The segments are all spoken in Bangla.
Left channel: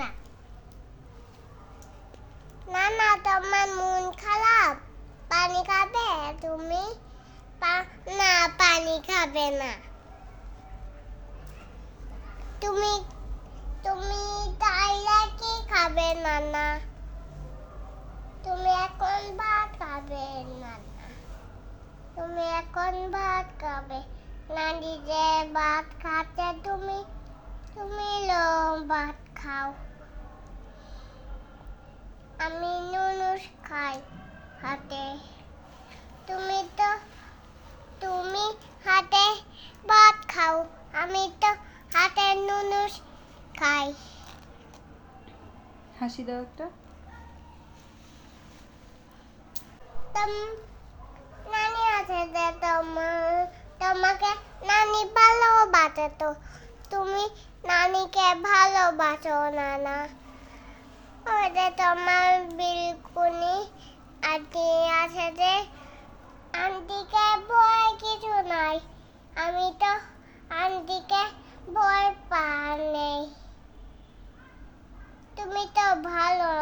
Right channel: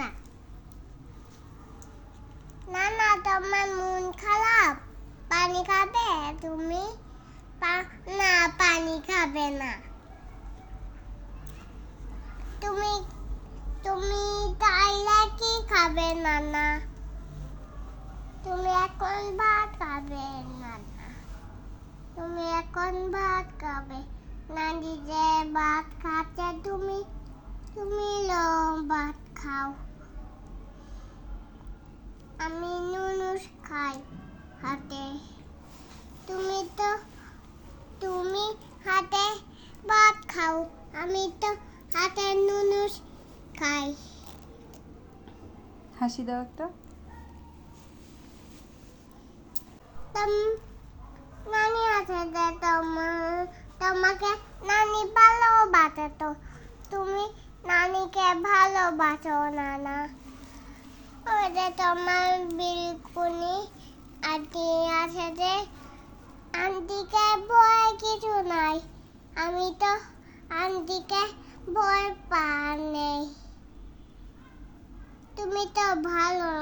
না। না না, তোমার মন খারাপ, পানি খাবে তুমি? না, পানি খাবে না। তুমি তুমি তাইলে কি খাবে নানা? তুমি এখন ভাত খাবে নানা। তুমি এখন ভাত খাবে। নানি যে ভাত খাচ্ছে তুমি ভাত খাও। আমি নুনুস খাই হাতে। তুমি হাতে ভাত খাও, আমি তো হাতে নুনুস খাই। হাসি দাও একটা। নানি আছে যে তোমাকে নানি ভালোবাসে, তো তুমি নানিকে ভালোবাসো না না? ওই যে তোমার বিলকুনি আন্টি আছে যে, আন্টিকে ভয় কিছু নাই। আমি তো আন্টিকে ভয় নেই। তুমি তো ভালো।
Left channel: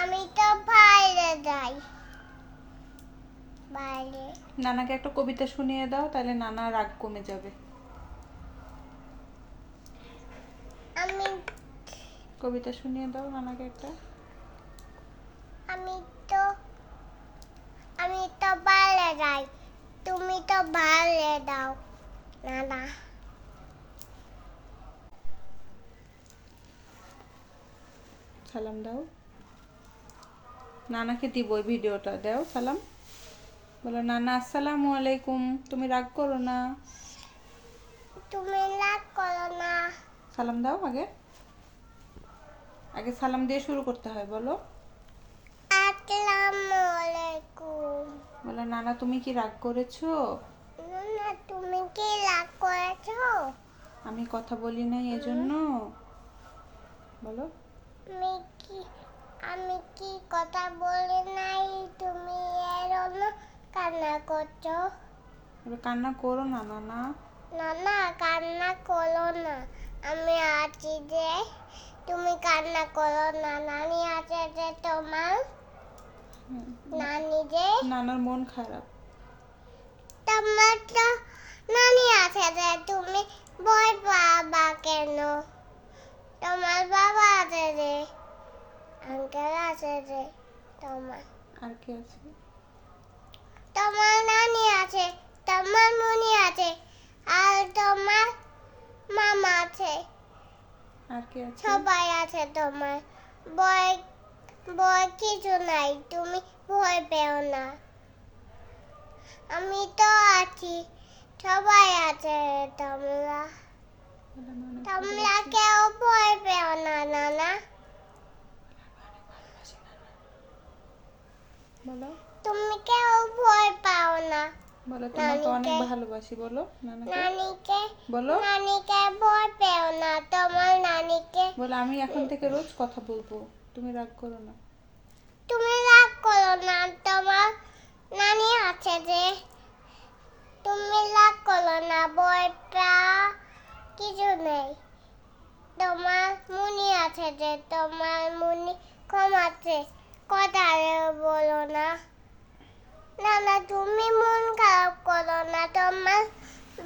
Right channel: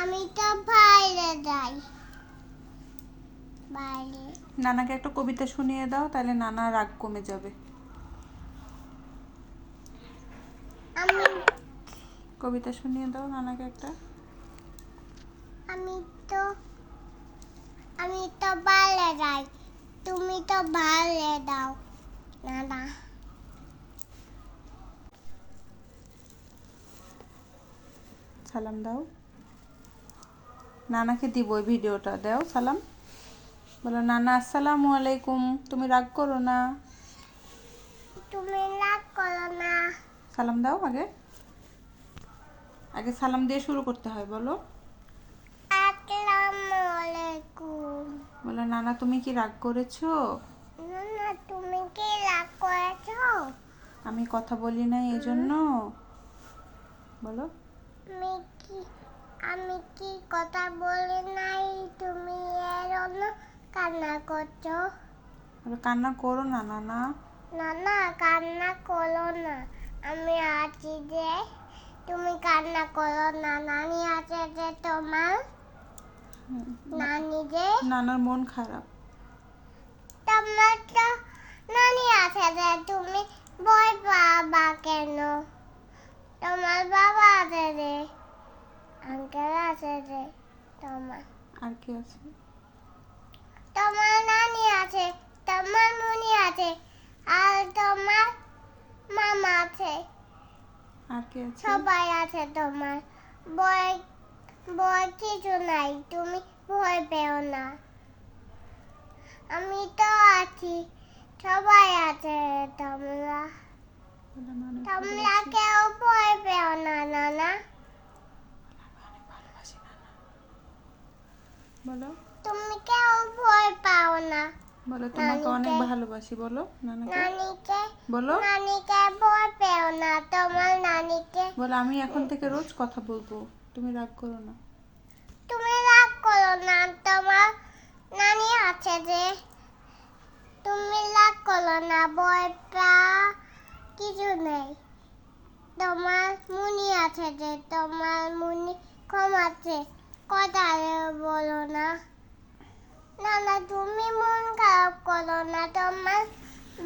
আমি তো বাইরে যাই। বাইরে নানাকে একটা কবিতা শুনিয়ে দাও, তাহলে নানা রাগ কমে যাবে। কবিতা শুনিয়ে দাও নানাকে একটা। আমি তো বাইরে যাই, তুমি তো বাইরে দাও নানা। সালাম দাও। নানাকে দিব ওই ভিডিওটা, দাও সালাম। বলো নানা আসসালামু আলাইকুম, তুমি রাগ করো না। তুমি রাগ করো না। সালাম দাও। আগে সালাম দিয়ে শুরু করতে হয়। বলো আসসালামু আলাইকুম। বলো নানা তুমি কি রাগ করেছো? নানা তুমি কি রাগ করেছো? আমি কথা বলি নাই এজন্য। বলো আমি কি কথা বলি নাই, তুমি এর জন্য কান্না করছো? কান্না করো না নানা। নানা কান্না করো না, আমি আছি যে। তুমি কান্না করো না, নানি আছে যে তোমার। নানি যে নানার মন খারাপ। তোমার তো নানি আছে যে, তুমি ভয় পাবা কেন? তোমার বাবা আছে যে, আঙ্কেল আছে যে তোমার। আর কি আছে? তোমার নানি আছে, তোমার মুনি আছে, আর তোমার মামা আছে। আর কি আছে? সবাই আছে তোমার। ভয় ভয় কিছু নাই, তুমি ভয় পেও না। আমি তো আছি, সবাই আছে। তোমরা কেউ ভয় পেও না নানা। বলো তুমি কেউ ভয় পাও না। বলো তোমাকে অনেক ভালোবাসি। বলো নানিকে বলো নানিকে ভয় পেও না, তোমার নানিকে। বলো আমি এখন থেকে রোজ কথা বলবো, তুমি রাগ করো না। তুমি রাগ করো না, তোমার নানি আছে যে। তুমি রাগ করো না, ভয় পাওয়া কিছু নেই। তোমার মুনি আছে যে, তোমার মুনি কম আছে, কথা বলো না। নানা তুমি মন খারাপ করো না, তোমার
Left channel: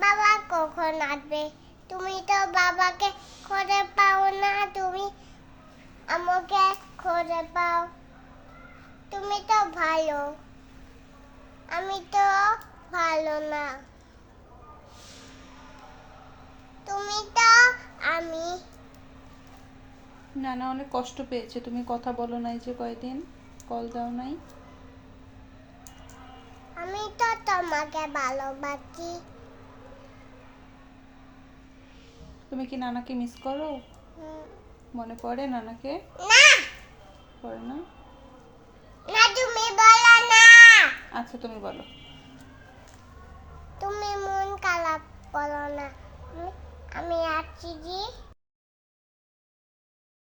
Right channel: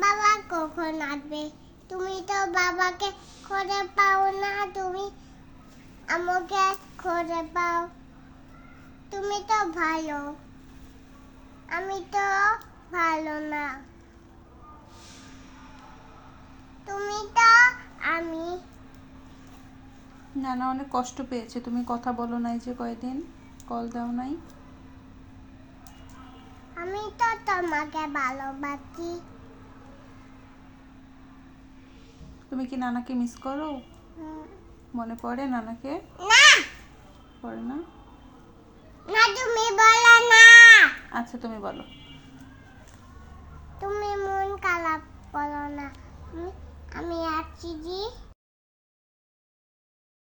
বাবা কখন আসবে? তুমি তো বাবাকে খুঁজে পাও না, তুমি আমাকে খুঁজে পাও। তুমি তো ভালো, আমি তো ভালো না। তুমি তো আমি। নানা অনেক কষ্ট পেয়েছে, তুমি কথা বলো নাই যে কয়দিন, কল দাও নাই। আমি তো তোমাকে ভালোবাসি। তুমি কি নানাকে মিস করো? মনে পড়ে নানাকে? না পড়ে না? না তুমি বলো না। আচ্ছা তুমি বলো। তুমি মন খারাপ করো না, আমি আছি জি।